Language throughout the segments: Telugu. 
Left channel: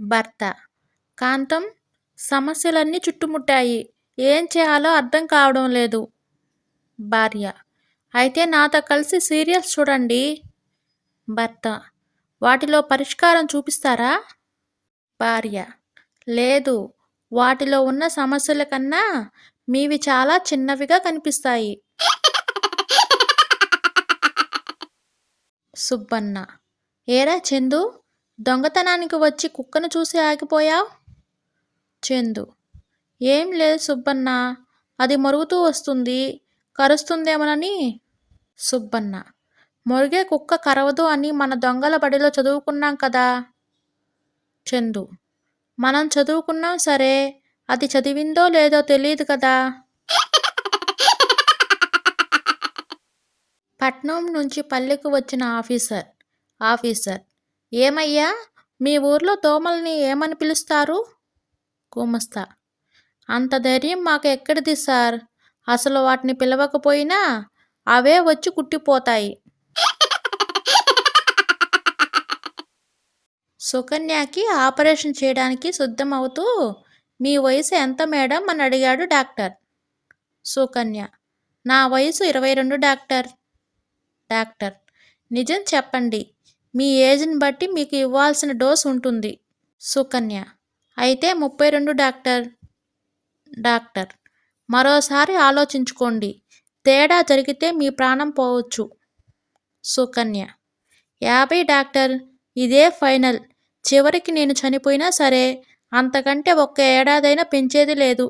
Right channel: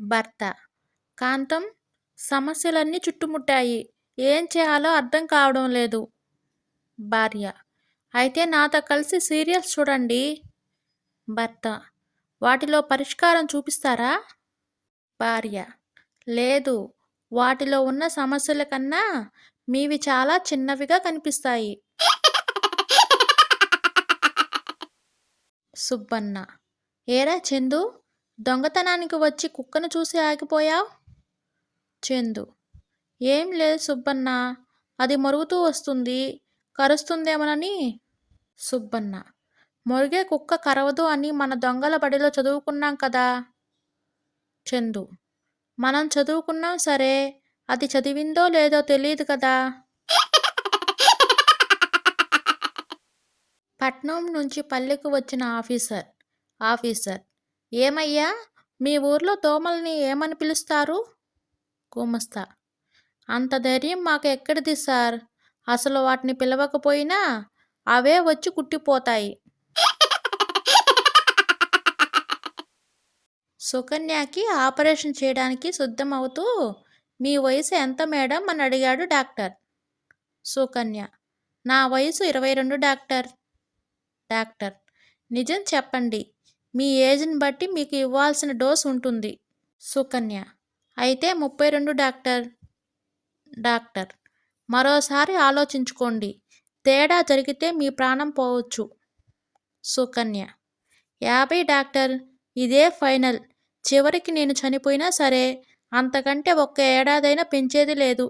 భర్త: కాంతం, సమస్యలన్నీ చుట్టుముట్టాయి. ఏం చేయాలో అర్థం కావడం లేదు. భార్య: అయితే నాతో కలిసి సీరియల్స్ చూడండి. భర్త: వాటిలో పరిష్కారం చూపిస్తారా? భార్య: లేదు, వాటిలో ఉన్న సమస్యల కన్నా మీవి చాలా చిన్నవిగా కనిపిస్తాయి. సుబ్బన్న: ఏరా చందు, దొంగతనానికి వచ్చి కుక్కను చూసి ఆగిపోయావ్? చందు: ఏం లేదు సుబ్బన్న, అది మరుగుతూ వస్తుంది, కరుస్తుందేమోనని. సుబ్బన్న: మొరిగే కుక్క కరవదు అని మన దొంగల బడిలో చదువుకున్నాం కదా. చందు: మనం చదువుకున్నాం సరే, అది చదివిందో లేదో తెలియదు కదా. పట్నం నుంచి పల్లెకు వచ్చిన ఆఫీసర్: ఏమయ్యా, మీ ఊర్లో దోమల్ని ఏమని పిలుస్తారు? గుమస్తా: అంత ధైర్యం మాకు ఎక్కడిది సార్, అసలు వాటిని పిలవకపోయినా అవే వచ్చి కుట్టిపోతాయి. సుకన్యకి ఆపరేషన్ చేయడానికి సిద్ధమవుతూ, మీ వయసు ఎంత మేడం అని అడిగాడు డాక్టర్. సుకన్య: నా వయసు 22 డాక్టర్. డాక్టర్: నిజం చెప్పండి, మీ ఏజ్ని బట్టి మీకు ఇవ్వాల్సిన డోస్ ఉంటుంది. సుకన్య: అయితే 32 డాక్టర్. డాక్టర్: మరోసారి ఆలోచించుకోండి, తేడా జరిగితే మీ ప్రాణం పోవచ్చు. సుకన్య: 50 డాక్టర్, ఇదే ఫైనల్. చివరికి నేను చనిపోయినా సరే, అంతకంటే ఒక్క ఏడాదైనా పెంచేది లేదు.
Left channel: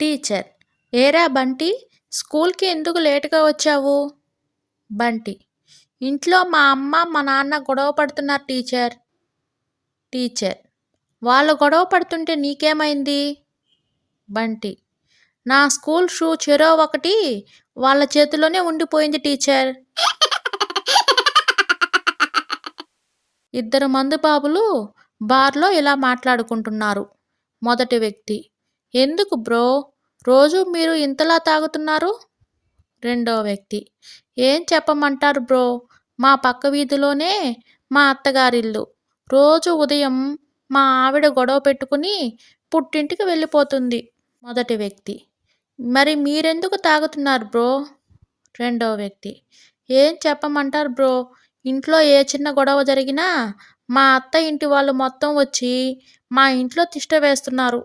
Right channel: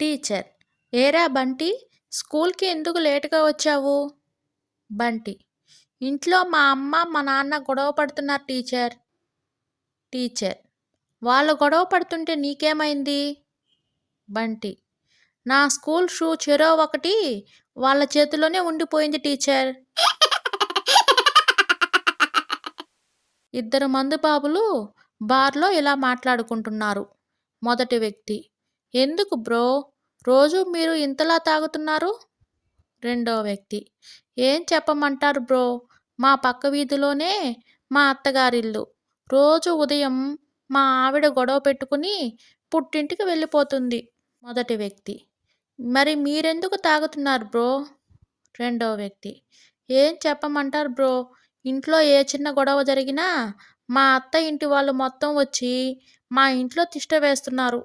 టీచర్: ఏరా బంటి, స్కూల్కి ఎందుకు లేటుగా వచ్చావు? బంటి: ఇంట్లో మా అమ్మ మా నాన్న గొడవ పడుతున్నారు టీచర్. టీచర్: వాళ్ళు గొడవ పడుతుంటే నీకేమైంది? బంటి: నా స్కూల్ షూ చెరో ఒకటి వాళ్ళ చేతిలోనే ఉండిపోయింది టీచర్. ఇద్దరు మందుబాబులు బార్లో ఇలా మాట్లాడుకుంటున్నారు. మొదటి వ్యక్తి: ఎందుకు బ్రో, రోజు మీరు ఇంతలా తాగుతున్నారు? రెండో వ్యక్తి: ఏం చెప్పమంటారు బ్రో, మా పక్క వీధిలోనే మా అత్తగారిల్లు. రోజు ఉదయం మా ఆవిడ గొడవ పెట్టుకుని పుట్టింటికి వెళ్ళిపోతుంది. మొదటి వ్యక్తి: మరి మీరెందుకు తాగుతున్నారు బ్రో? రెండో వ్యక్తి: ఏం చెప్పమంటారు బ్రో, ఇంట్లో ఏ చిన్న గొడవ జరిగినా మా అత్త ఇంటి వాళ్ళు మొత్తం వచ్చి మా ఇంట్లో తిష్ట వేస్తున్నారు.